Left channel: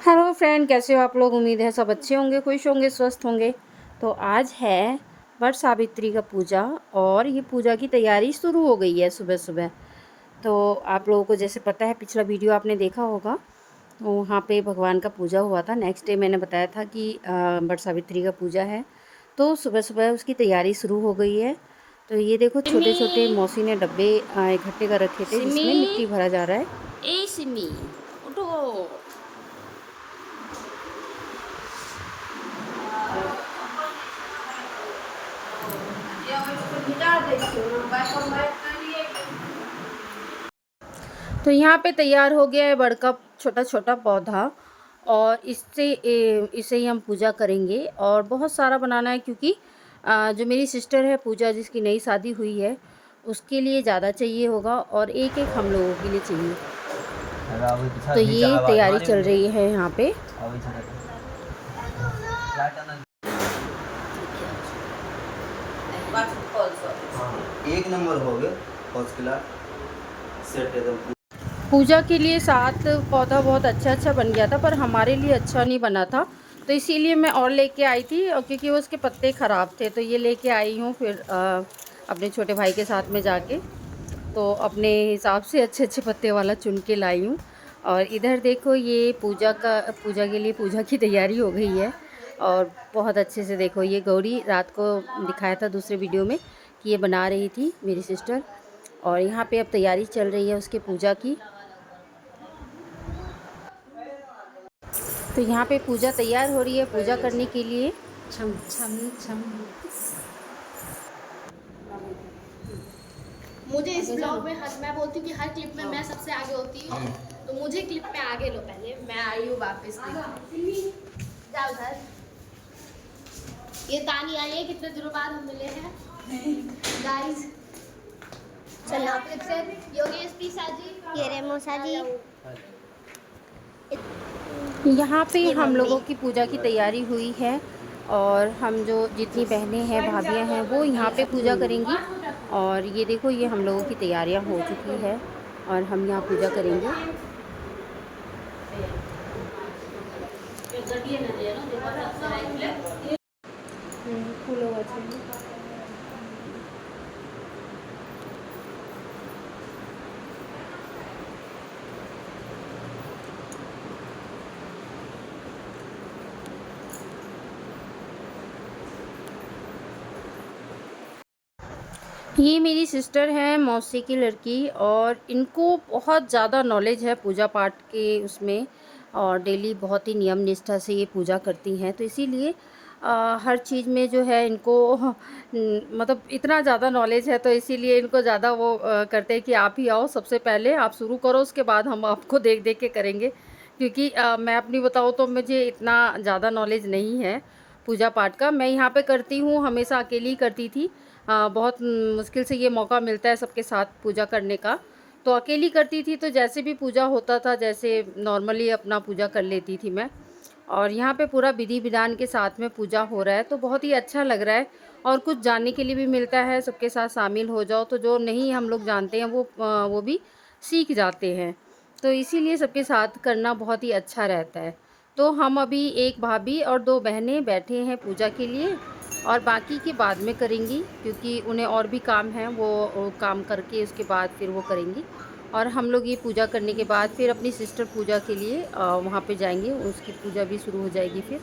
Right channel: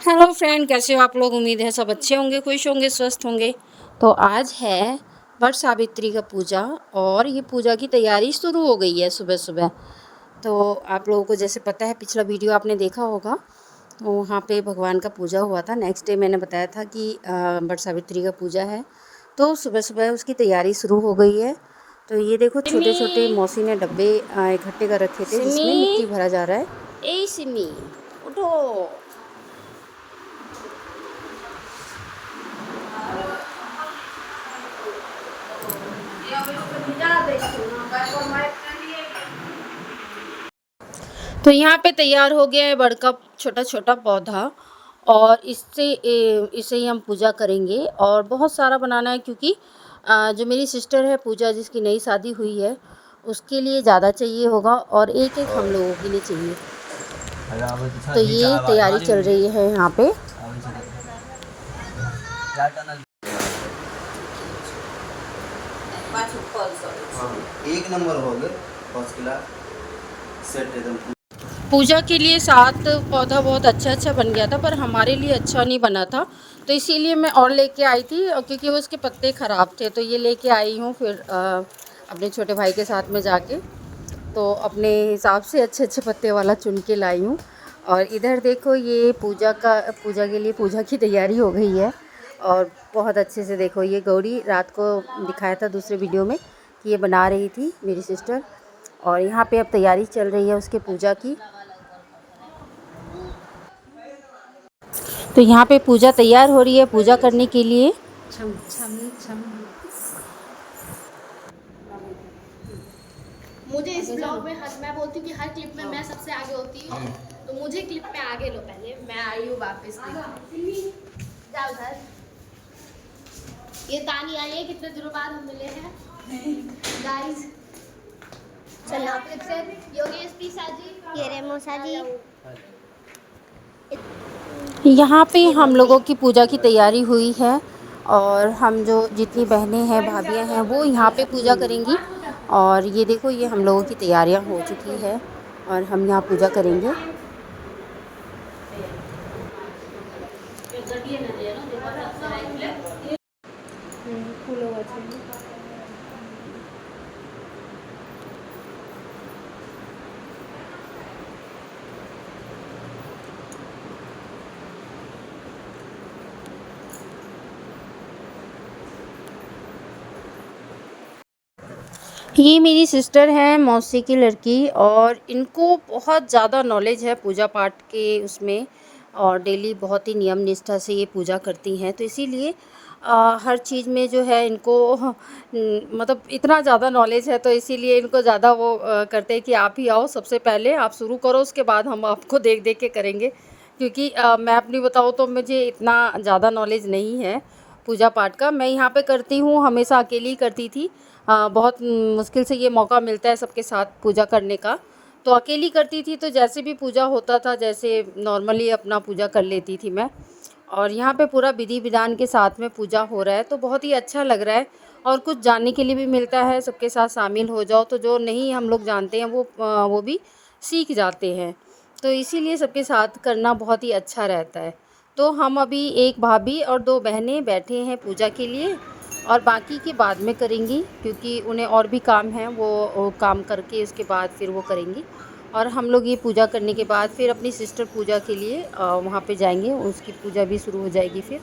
Hello friend, कैसे हो आप लोग। उम्मीद है सब अच्छे होंगे, खुश होंगे, स्वस्थ होंगे। तो आज है वट सावित्री का पूजा और ये पूजा की तैयारी शुरू हो गई है सुबह सुबह। तो आप लोगों को जैसे पता है, पिछला वीडियो आपने देखा होगा, तो वहाँ पे भगवान का पूजा हुआ था। नेक्स्ट डे मैंने बताया था कि वट सावित्री का पूजा है, तो सुबह सुबह उसकी तैयारी शुरू हो गई है। तो ये देखो, छोटे छोटे सिमी मौसी ने डब्बे इकट्ठे कर रखे थे सिमी जिसमें मिट्टी भरा जा रहा है। ए सिमी उठो। तो यहाँ पे तैयार हो गया है बड़ का छोटा छोटा पौधा, और इसे ही हम पूजा करेंगे। और बहुत सारा बनाना है क्योंकि जो मेरी सिस्टर है पूजा, जिसकी नई शादी हुई है, उसके लिए ज़्यादा चाहिए होगा और एक एक हम लोगों के लिए चाहिए। तो ये तैयारी चल रही है यहाँ पे। एक नंबर हो गए फर्स्ट क्लास सेट एकदम। पूजा के लिए 7 पौधा बहुत अच्छा बन गया था, पर हमारे लिए अच्छा नहीं बना था, तो इसीलिए मैं और लेके आई थी। और क्योंकि उसके पत्ते ख़राब थे तो ये लेके आई हूँ फिर अपने छोटे भाई के साथ में जाके, तो अपने हिसाब से अच्छे अच्छे पत्ते वाला चुन के लाई हूँ। और इधर देखो, ये पूजा के लिए पूजा की तैयारी हो गई है। और बहुत अच्छे से देखो, ये गौरी रात को दिखाया था दूसरे वीडियो में कि ये बना रही थी मेरी सिस्टर। और यहाँ पे अब तैयारी चल रही है उसके पूजा की। तो यहाँ पे पूजा तैयार हो रही है पूजा करने के लिए। छम छम छम। मुझे इस ब्लॉग में मैं बोलती हूँ कि हर क्लिप में मैं सबसे आगे होती हूँ, तो मुझे क्लिप में आगे लो। पहले मैं आई हूँ वापस। जाओ घर। ये तानी आई है, कितने दिनों बाद हम मिले हैं गाइस। चलो क्लिप से योगेश पीसा जी, ये रे मौसा जी। यहाँ पे हम लोगों की पूजा की तैयारी हुई है, और हम जो जितनी बहनें हैं, भाभियाँ हैं, वो यहाँ पे पूजा करेंगी। और ये देखो, ये हम लोगों की तैयारियाँ हो चुकी है और हम यहाँ पूजा करेंगे। ये मेरी सिस्टर है, मौसी की लड़की, और इनको बहुत ज़्यादा नॉलेज है पूजा पाठ के उसमें, और डेली बहुत ही नियम निष्ठा से ये पूजा करती हैं। तो इसीलिए हर चीज़ में जो है इनको मतलब इतना ज़्यादा नॉलेज है, तो इसीलिए इनको ज़्यादा वो करते हैं कि आप ही आओ, सबसे पहले आप शुरू करो, उसके बाद हम आपको देख देख के करेंगे। क्योंकि मैं अपनी बताऊँ तो मुझे इतना ज़्यादा नॉलेज नहीं है पूजा पाठ का। मैं यहाँ पे करती हूँ, हमेशा अकेली ही करती थी। बहुत मुश्किल से ये मौका मिलता है सबके साथ पूजा करने का, तो अकेली करती थी। तो जैसे भी पूजा होता था, जैसे नॉर्मली अपना पूजा कर लेती थी मैं। और यहाँ पे पूरा विधि विधान के साथ में पूजा हो रहा है, तो बहुत ही अच्छा लग रहा है। और कुछ जानने के लिए भी मिलता है, सबके साथ शामिल हो जाओ तो जो नहीं हम लोग जानते हैं वो भी सीख जाते हैं। तो इसीलिए सबके साथ करना बहुत ही अच्छा रहता है। तो हम अभी एक भाभी और 2 बहनें बैठे हैं पूजा के लिए, और बाकी के बाद में करेंगी क्योंकि उन्हें और भी काम है, वो काम करके इसके बाद फिर वो करेंगी। और हम लोग ये पूजा करने के बाद फिर अपनी सिस्टर पूजा के लिए वहाँ पे जाएंगे, उसकी पूजा भी शुरू हो जाएगी फिर।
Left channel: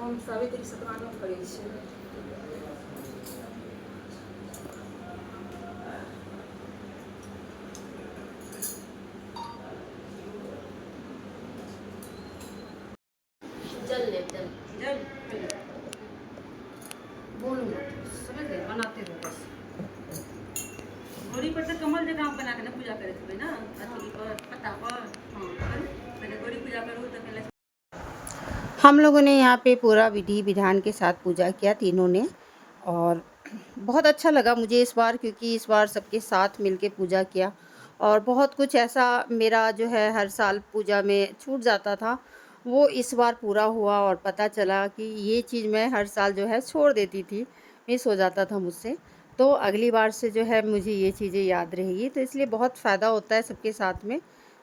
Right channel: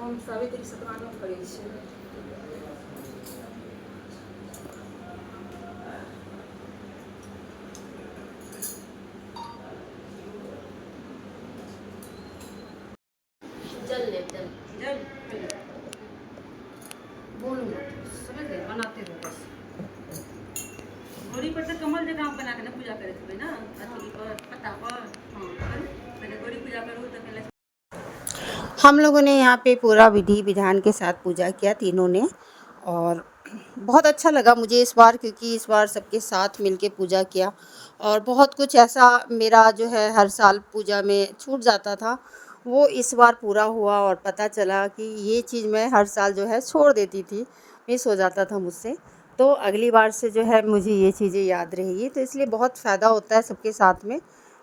हम सावित्री सतनाम करै छियै। जल ले जल। बोलो समझ गए, बनाते हो बस। गोड़ी पर से कमल जगह आप बना के ना पूजा करे थे ना, अथी पर पत्ता पर। हाँ, पहले गोड़ी पूजा करो तो पहले हम लोगों ने यहाँ पे पूरा विधि विधान के साथ पूजा किया तीनों ने, और बहुत अच्छा लगा मुझे इस बार, क्योंकि इस बार सबके साथ मिलके पूजा किया। और बहुत कुछ ऐसा मेरा जो है हर साल पूजा में छूट जाता था, वो इस बार पूरा हुआ और पता चला कि ये चीज़ मैं हर साल जो है छोड़ देती थी, मिस हो जाता था मुझसे। तो अगली बार से जो है मुझे ये चीज़ें याद रहेगी, तो इसलिए बहुत फ़ायदा होता है सबके साथ में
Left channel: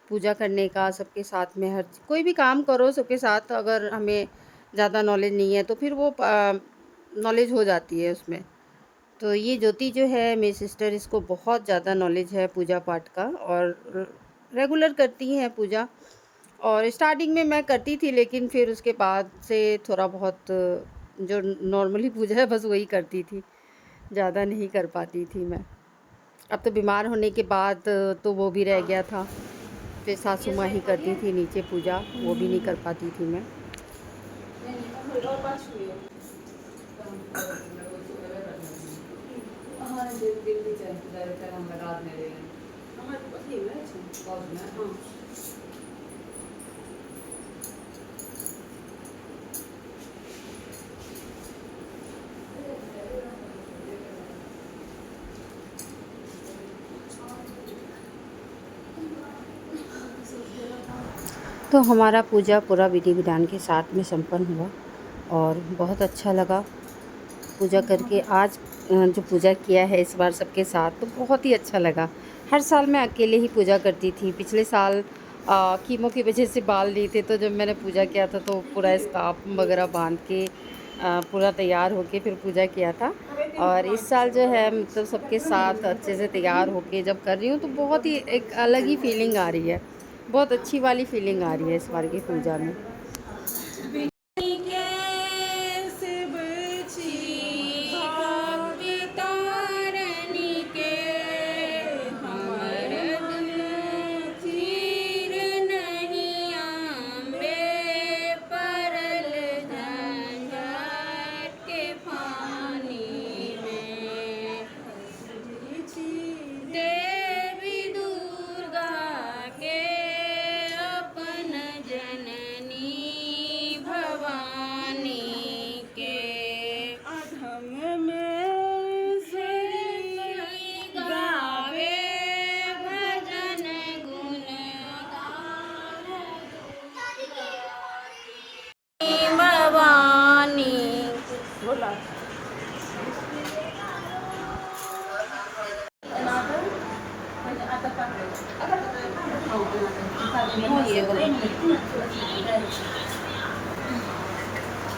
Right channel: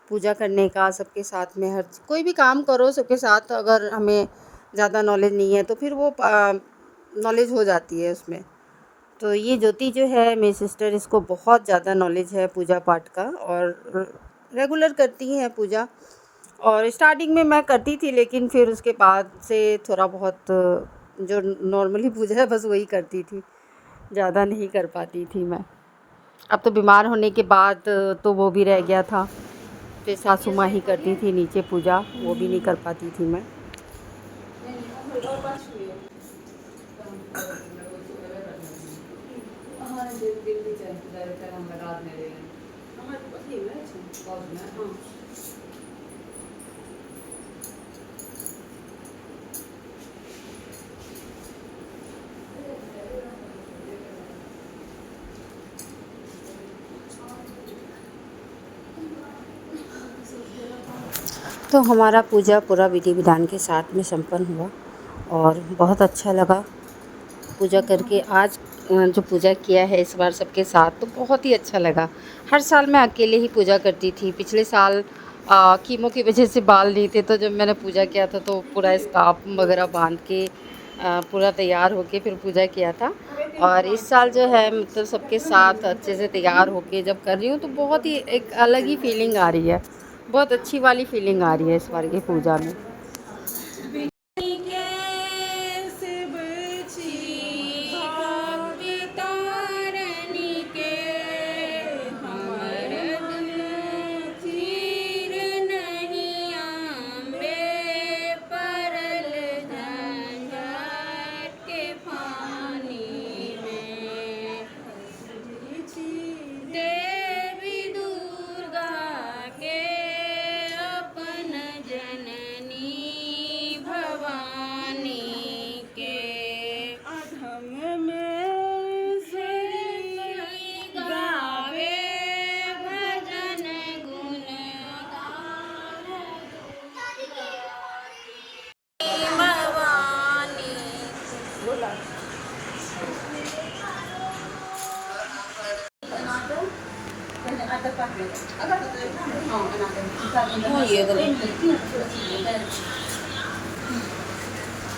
पूजा करने का। सबके साथ में हर कोई भी काम करो सबके साथ, अगर हमें ज़्यादा नॉलेज नहीं है तो फिर वो नॉलेज हो जाती है उसमें। तो ये ज्योति जो है मेरी सिस्टर, इसको बहुत ज़्यादा नॉलेज है पूजा पाठ का, और रेगुलर करती हैं पूजा। और स्टार्टिंग में मैं करती थी, लेकिन फिर उसके बाद से थोड़ा बहुत जो नॉर्मली पूजा है बस वही करती थी, ज़्यादा नहीं कर पाती थी मैं। अब तो बीमार होने के बाद तो वो भी रह गया था, फिर सासू माँ ही करती थी नीचे पूजा, वो भी नहीं कर पाती थी मैं। तो हमारा पूजा पूरा विधि विधान के साथ में संपन्न हुआ और बहुत अच्छा लगा पूजा करके। आज जो पूजा किया है इस बार सबके साथ, तो बहुत ही अच्छा लगा। हर साल मैं अकेले ही पूजा करती थी। पिछले साल कीमो की वजह से बाल नहीं थे, तो जब मैंने पूजा किया था तो पूरा स्कार्फ वगैरह बांध के पूरा तैयार होके फिर पूजा किया था। और इस साल जो है मतलब सबके साथ अच्छे से तैयार होके जब कर रही हूँ तो बहुत ही एक अलग ही फीलिंग आ रही है, बहुत अच्छी वाली फीलिंग आ रही है इस बार की पूजा में।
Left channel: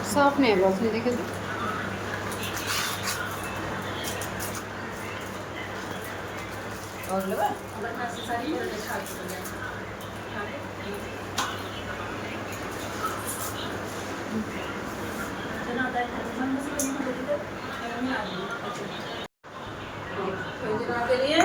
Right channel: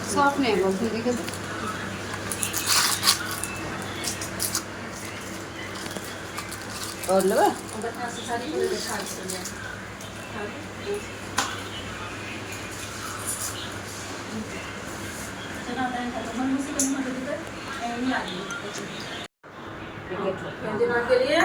साफ नहीं है बस देखे तो। और लो के लिए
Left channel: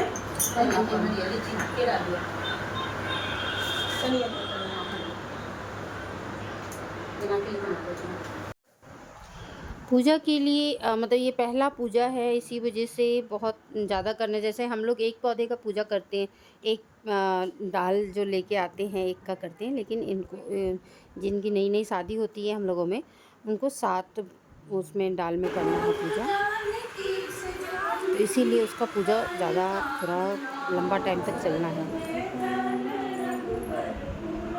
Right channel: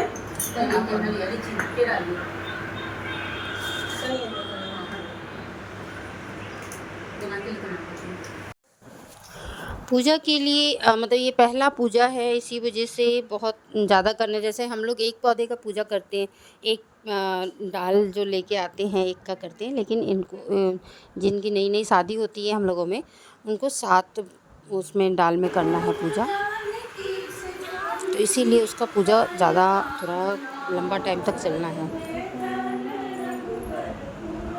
पूजा के लिए मतलब ये पहला पूजा है, इसी वजह से बहुत ज़्यादा करने, जैसे हम लोग एक पौधे का पूजा करते हैं, एक डाल जो लेके आते हैं एक का करते हैं, लेकिन इनको जिनकी नई नई शादी होती है हम लोगों में, उनको 7 उसमें डाल में करना है पूजा। तो इसीलिए उसका पूजा ज़्यादा थोड़ा लंबा टाइम तक चलना है।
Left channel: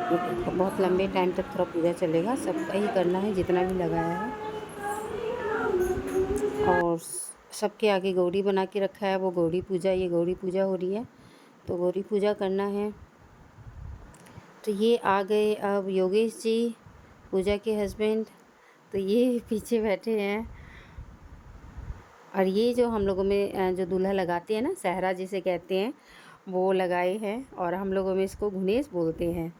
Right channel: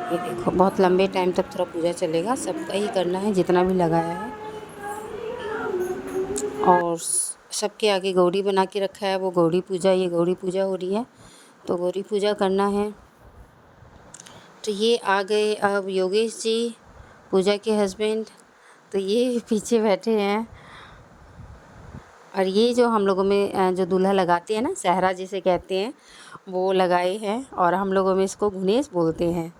ये देखो बहुत लंबे टाइम तक थोड़ा पूजा चलेगा, सबका ही करना है जितना भी लगाया है। और सबके आगे गौरी बना के रखा है, वो गौरी पूजा, ये गौरी पूजा हो रही है, तो गौरी पूजा करना है। तो ये आ गए अब योगेश जी, पूजा के हस्बैंड, तो ये पीछे बैठे हैं। और ये जो हम लोगों में जो दूल्हा लगाते हैं ना, सहरा जिसे कहते हैं, वो लगाए हैं, और हम लोगों में इसको घुनेस बोलते हैं।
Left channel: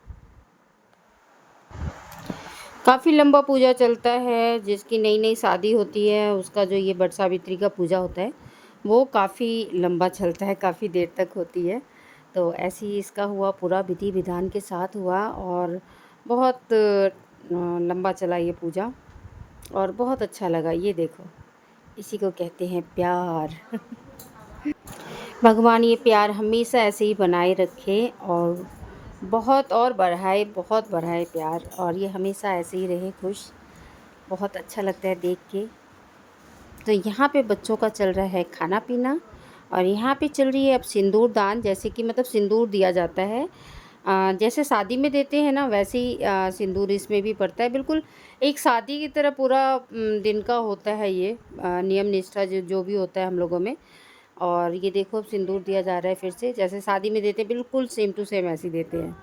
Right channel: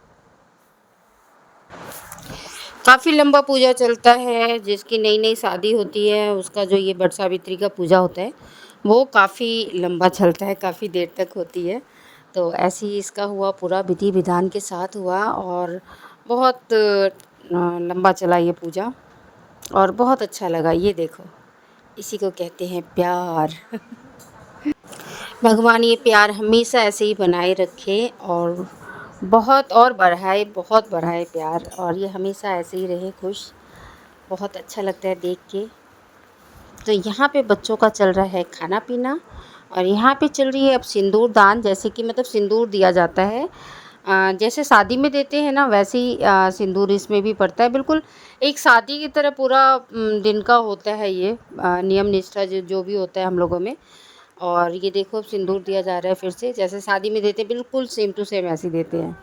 काफ़ी लंबा पूजा चलता है, जिसकी नई नई शादी होती है उसका जो ये वट सावित्री का पूजा होता है वो काफ़ी लंबा चलता है, काफ़ी देर तक होती है। तो ऐसे ही इसका हुआ, पूरा विधि विधान के साथ हुआ और बहुत लंबा चला ये पूजा और बहुत अच्छा लगा। ये देखो, इसी को कहते हैं प्यार। भगवान ये प्यार हमेशा ऐसे ही बनाए रखे और बहुत और बढ़ाए प्यार, और ये हमेशा ऐसे ही रहे खुश। बहुत अच्छा लगता है देख के। तो यहाँ पे बच्चों का चल रहा है खाना पीना, और यहाँ पे चल रही है अब सिंदूर दान, जैसे कि मतलब सिंदूर दिया जाता है। जैसे शादी में देते हैं ना, वैसे ही सिंदूर इसमें भी पड़ता है। बिल्कुल एक शादी की तरह पूरा दिन का होता है ये नियम निष्ठा जो जो भी होता है हम लोगों में। और ये देखो अब सिंदूर दिया जा रहा है फिर से, जैसे शादी में देते हैं बिल्कुल सेम टू सेम ऐसे ही देते हैं।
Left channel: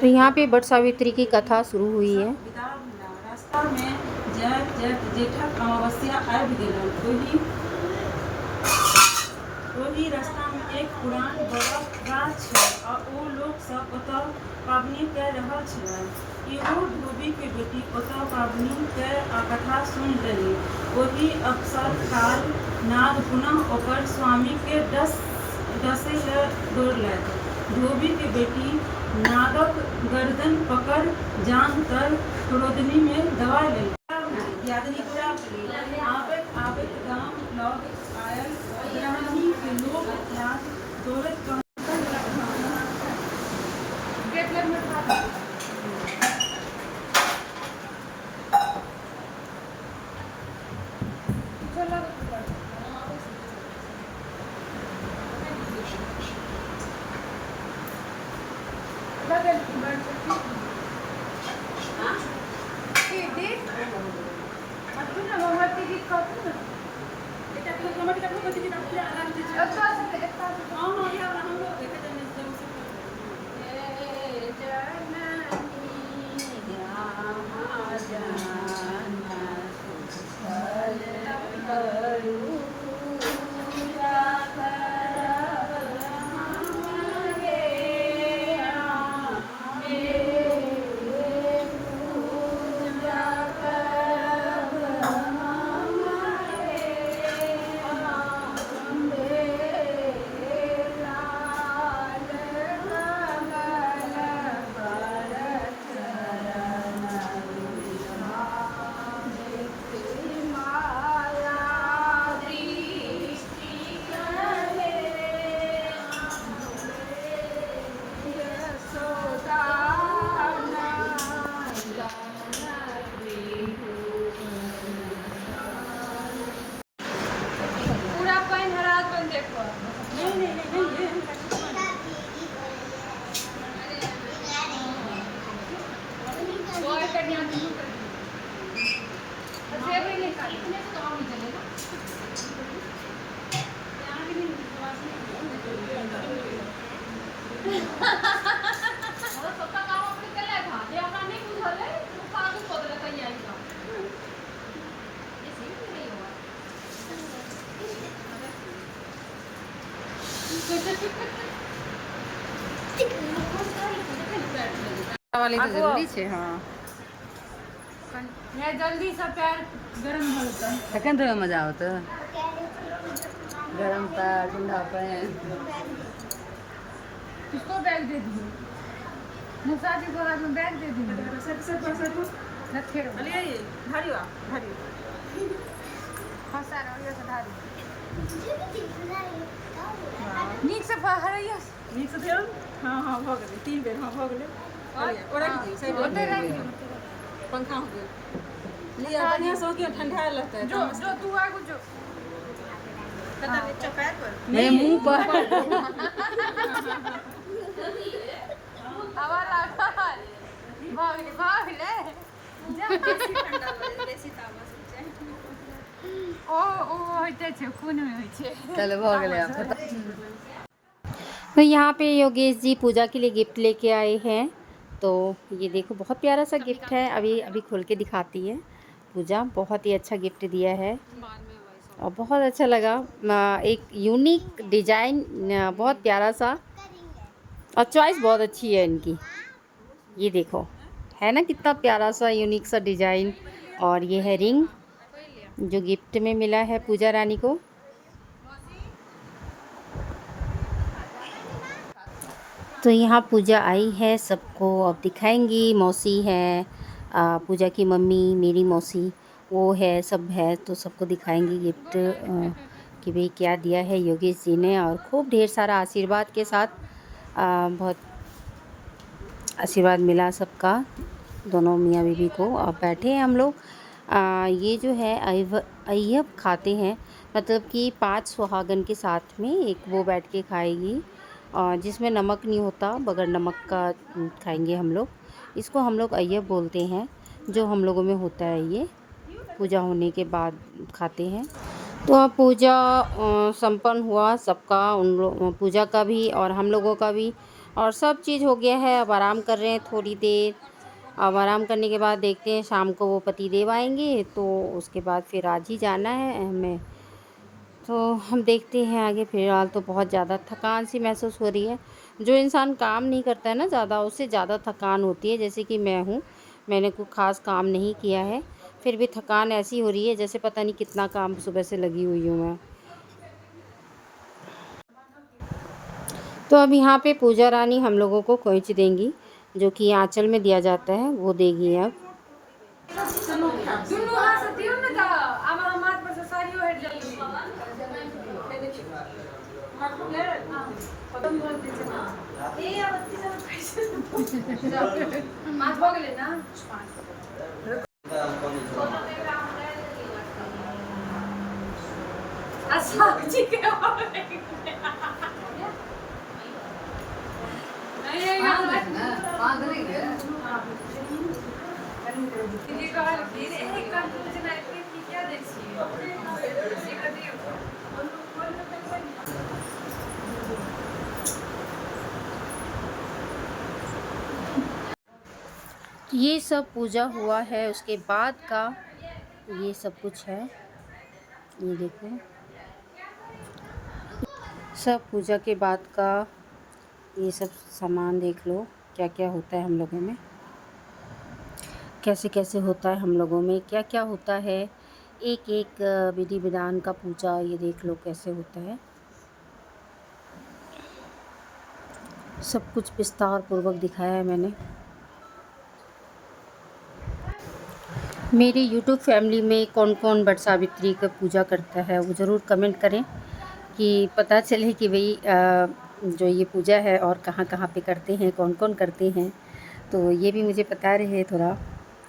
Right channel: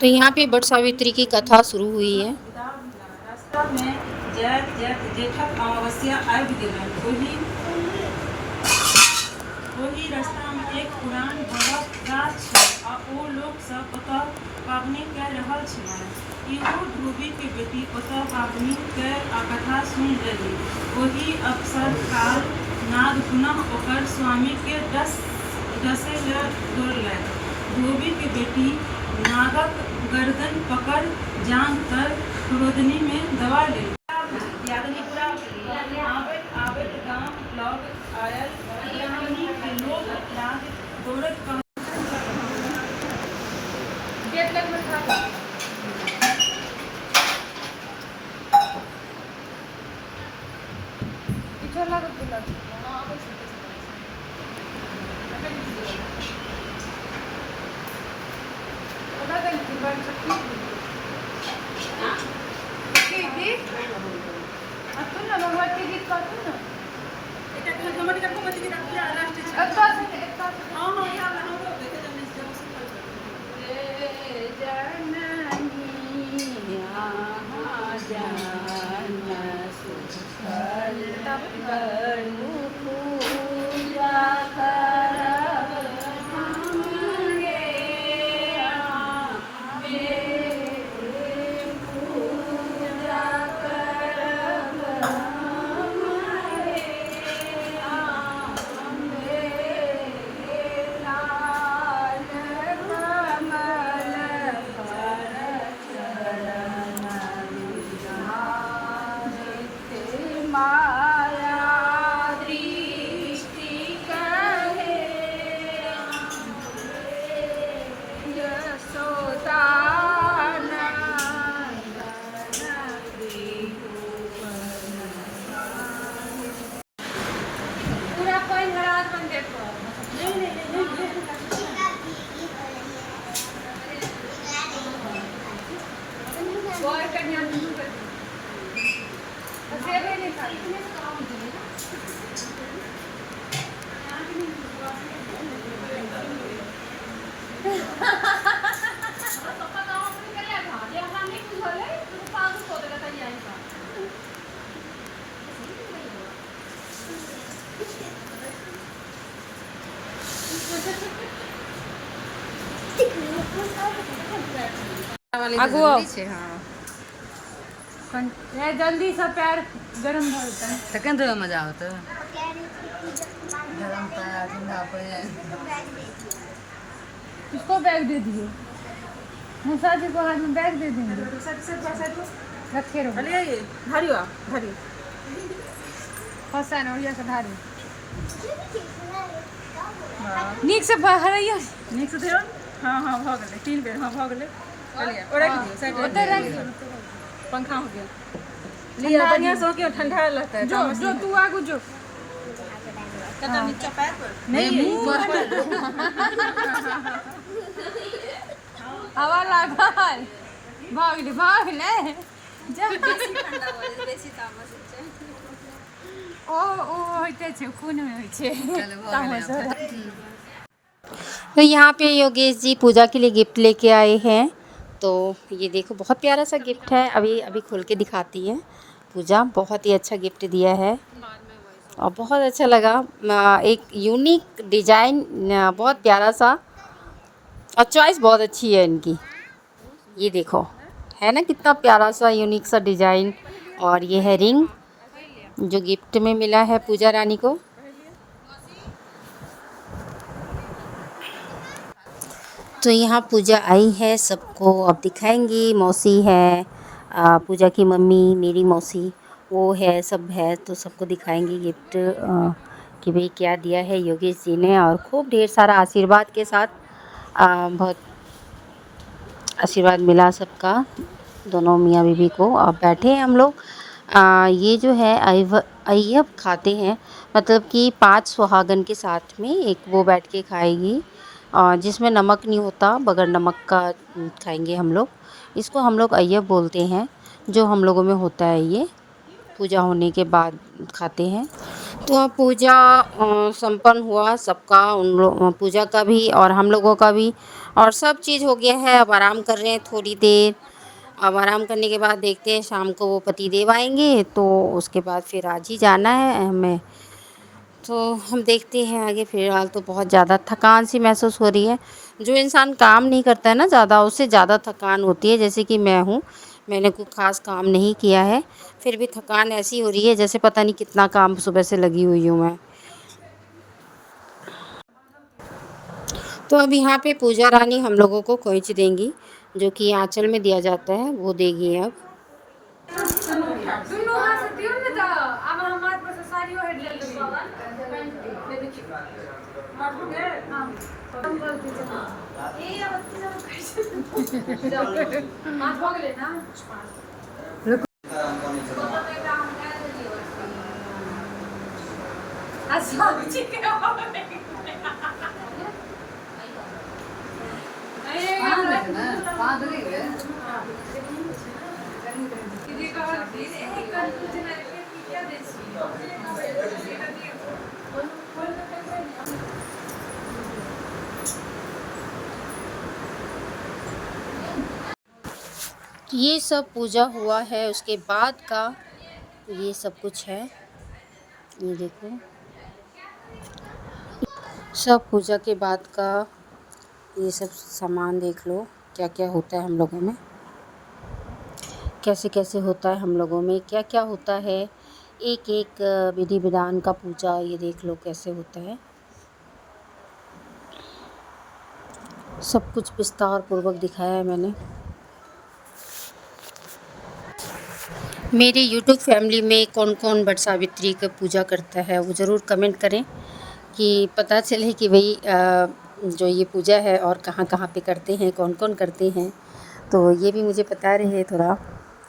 तो यहाँ पे बट सावित्री की कथा शुरू हुई है। रास्ता में जेठक अमावस्या आबि गेलनि। ओही रास्ता में एक पुरान बरफ गाछ छल आ ओ लोक सब ओतऽ पाबनि कऽ रहल छलनि। इहो ध्रुवी के बेटी ओतऽ पाबनि के कथा सुनि लेली। ओही अवसर काल नाग पुनः ओकर स्वामी के डसै लए दौड़लथि। ध्रुवी के बेटी नागक गर्दन पकड़ जांघ तर क्रोधनी में दबा लेली। आबैत गाम लग आयल यानी कि लोग लाग दौड़ैत वाले तो जरूरी छे। हाँ जल्दी से पैर गरम हो जाता है। तखन तो मजा आवत गरम पैर ठंडा पैर। उसको बैग दे दिए, निशा जी को हाथ में बैग दे देंगे। रखे रहो धारी फसा नौरिया से धारी नीक से हरैया नीक से धरो। हाँ हाँ भ गेलै 3 बेर। हाँ भ गेलै ओरा की दियो साइड में पंखा हो गेल लिया बढ़िया से हो के ठंडा रहता है। जो जो तू आगू जो कदम नीचे पैर पर नहीं मुंह पर हवा लागल भागले जब बेसी ठंडा हो जाए बेसी तामस हो जाए ओ होइते छै खून होइ छै। चलो भ गेलै। तो यहाँ पे योगेश जी पूजा के लिए गिफ्ट लेके आए हैं। तो ये देखो बहुत प्यारा सा गिफ्ट है, अभी अभी खोल के दिखाती है पूजा। बहुत ही अच्छा गिफ्ट दिया है और बहुत अच्छा लगा। एक यूनिक डिज़ाइन, बहुत प्यारा सा, और चॉइस बहुत अच्छी है इनकी। ये देखो है ना कितना प्यारा सा यूनिक सा डिज़ाइन। और ये है रिंग जो गिफ्ट में मिला है पूजा रानी को। तो यहाँ पूजा आई है, सबको अब दिखाएंगी। मौसी है, पूजा की मम्मी, मेरी मौसी वो है, सब है, तो सबको दिखाएंगी गिफ्ट कि भाई क्या दिया है योगेश जी ने। और खूब ढेर सारा आशीर्वाद के साथ बहुत आशीर्वाद मिला सबका, दोनों मियाँ बीवी को। अब बैठे हैं हम लोग। ये जो है अय्यब खाते हैं, मतलब कि 5 सुहागन के साथ में एक वो बैठ के खाएगी, जिसमें नमक नहीं होता, बगैर नमक का खाएंगे हम लोग। इसको हम लोग अय्यब बोलते हैं, जो हम लोगों में होता है, ये पूजा होने के बाद खाते हैं। तो अब पूजा संपन्न हुआ सबका, उन लोग पूजा का भी और हम लोगों का भी, और सब चीज़ हो गया है। अब आराम कर रहे हैं थोड़ी देर। अब आराम करने के बाद देखते हैं शाम को वो पति देव आएंगे, तो उसके बाद फिर आज ही जाना है हमें। तो हम देखते हैं आगे। फ़िलहाल तो बहुत ज़्यादा थकान सी महसूस हो रही है। जो इंसान काम नहीं करता है ना ज़्यादा, उससे ज़्यादा थकान होती है। जैसे कि मैं हूँ, मैंने कोई ख़ास काम नहीं किया है, फिर भी थकान ऐसी हो रही है जैसे पता नहीं कितना काम सुबह से लगी हुई हूँ मैं। तो अब यहाँ पे पूजा रानी हम लोगों को खोइंच देंगी, जो कि आंचल में दिया जाता है, वो देगी अब। ये सब पूजा हुआ है, उसके बाद का ये सब कुछ है। ये देखो, सब पूजा के बाद का ये सब सामान देख लो, क्या क्या होता है हम लोगों में, कैसे कैसे होता है हम लोगों में, क्या क्या होता है। एक एक विधि विधान का पूजा ये देख लो कैसे होता है। सब कुछ विस्तार पूर्वक दिखाया है मैंने। मेरी YouTube फैमिली में कौन कौन वट सावित्री का पूजा करता है वो ज़रूर कमेंट करें, कि पता चले कि भाई जो ये पूजा है और कहाँ कहाँ पे करते हैं, कौन कौन करते हैं, तो ये भी मुझे पता रहे थोड़ा।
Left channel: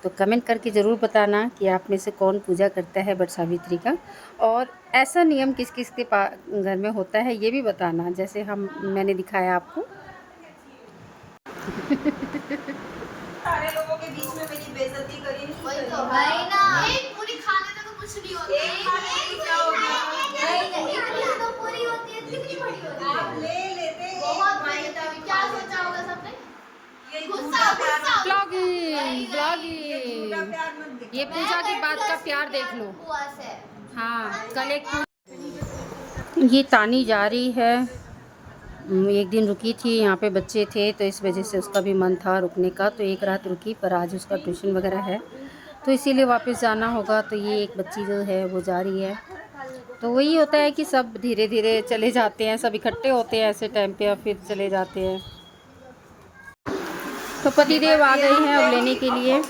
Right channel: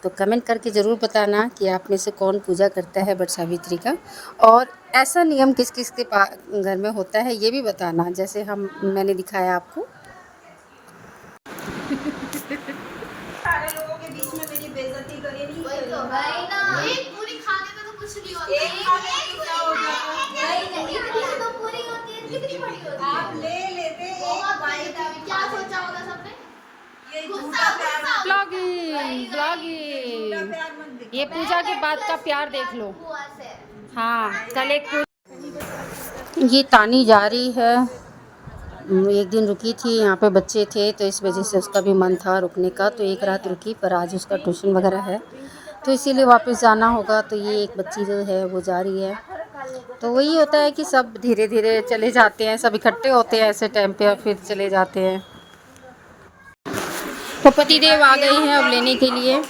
तो कमेंट करके ज़रूर बताना कि आप में से कौन पूजा करता है वट सावित्री का, और ऐसा नियम किस किस के घर में होता है ये भी बताना, जैसे मैंने दिखाया आपको। सारे लोगों के बीच में मेरी बेइज्जती करी नहीं करी। नहीं ना, एक पूरी खाने में तो कुछ नहीं होता। एक खाने में क्या होगा? नहीं, दो पूरी होती है, कितनी बड़ी होती है? आप ले लेते बहुत बड़ी था, क्या सोचा होगा सबने? ये झूठा प्यार मत ब्लॉगिंग झूठा प्यार मत दिखाओ। ये पूजा के बाद का प्यार देख लो। हुआ से। हाँ, कल ये तानी जा रही है। एक दिन रुकी थी, यहाँ पे बच्चे थे तो इस वजह से उसका भी मन था रुकने का, तो एक रात रुकी, पर आज उसका ट्यूशन वगैरह है तो इसीलिए वापस जाना होगा। तो ये एक बच्ची जो है वो जा रही है। तो वही होता है कि सब धीरे धीरे चले जाते हैं, सब इकट्ठे होते हैं ऐसे टाइम पे और फिर चले जाते हैं। तो पतिदेव आ गए हैं अब लेने के लिए।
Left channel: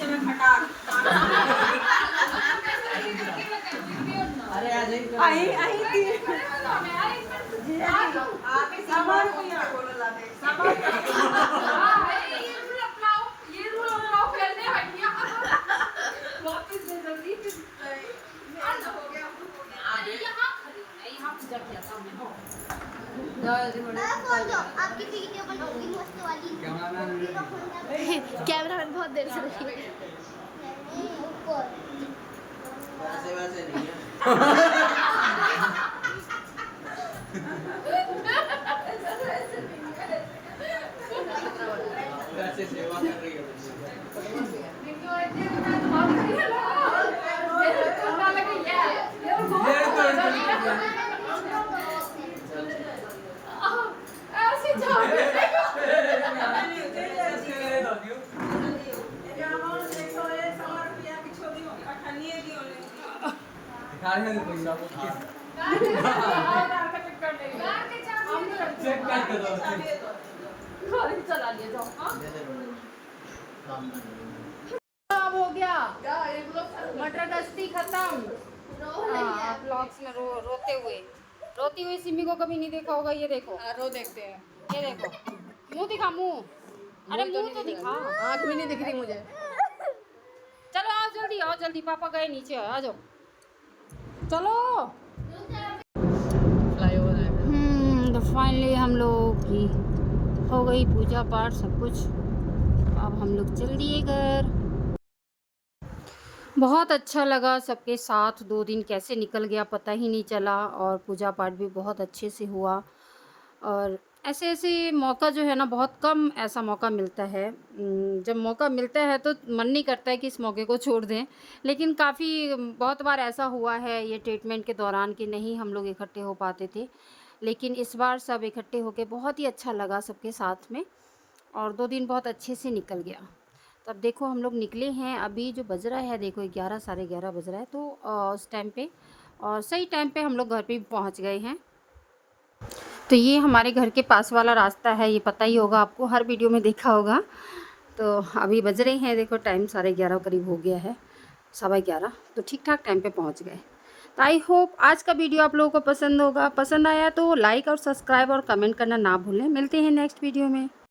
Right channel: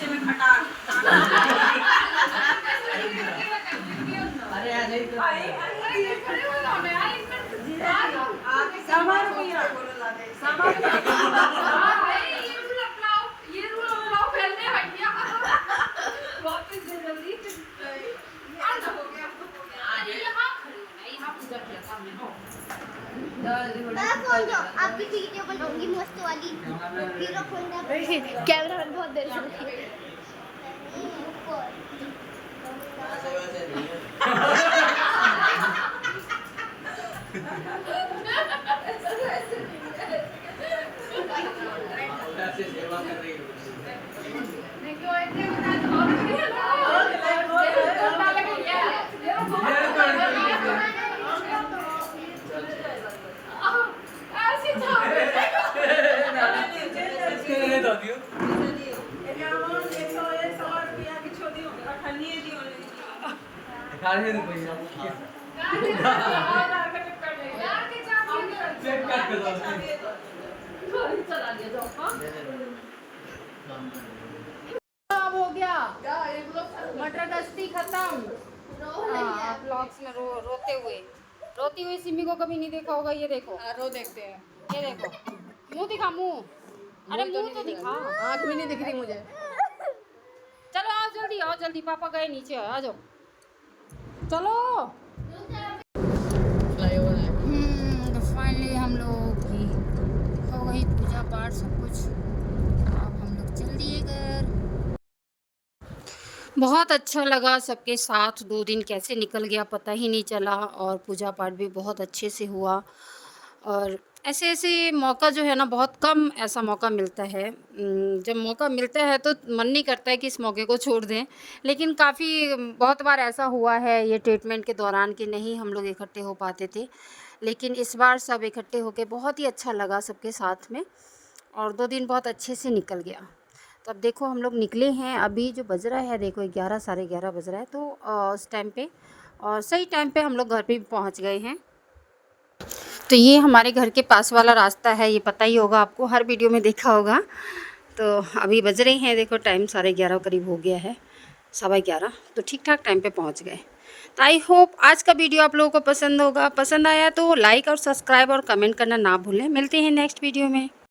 आपकी वीडियो बनाऊंगी मस्त वाली। कैमरामैन बहुत देर से रुकी है। अब हो गया मटर गश्ती खत्म। ब्लॉग्स में रोती हुई सिमी को कभी नहीं देखा होगा। ये देखो, रो देखते हैं, ये देखो मुंह दिखा मुंह। अरे मुंह तो दिखा। आँख भी नहीं दिख रही मुझे। चलो आओ जल्दी पापा गए नीचे आ जाओ। चलो। तो फाइनली हम लोग की हो गई पूजा पाठ सब कुछ। अब हम लोग चल दिए घर। बहुत अच्छा लगा सबके साथ। 2 दिन कैसे निकल गया पता ही नहीं चला और पूजा पाठ भी बहुत अच्छे से हुआ। और ऐसे ऐसे मौका जो है ना बहुत कम ऐसा मौका मिलता है। जब मौका मिलता है तो मन नहीं करता है कि इस मौके को छोड़ दें, लेकिन काफ़ी बहुत बार ऐसा हुआ है ये ट्रीटमेंट के दौरान कि नहीं हम लोग इकट्ठे हो पाते थे, लेकिन इस बार सब इकट्ठे होके बहुत ही अच्छा लगा सबके साथ में और 2 दिन बहुत अच्छे से निकल गया। तो अब देखो हम लोग निकले हैं, अभी जो बज रहा है देखो 11 साढ़े 11 बज रहा है, तो उस टाइम पे और सही टाइम पे हम लोग घर पे भी पहुंच गए हैं। तो ये हमारे घर के पास वाला रास्ता है, ये पता ही होगा आपको, हर वीडियो में देखा होगा। तो अभी बज रहे हैं देखो टाइम 11:30 करीब हो गया है, 11:15, तो ठीक ठाक टाइम पे पहुंच गए। तो आई होप आज का वीडियो आप लोगों को पसंद होगा। पसंद आया तो लाइक और सब्सक्राइब और कमेंट करना ना भूलें। मिलते हैं नेक्स्ट वीडियो में।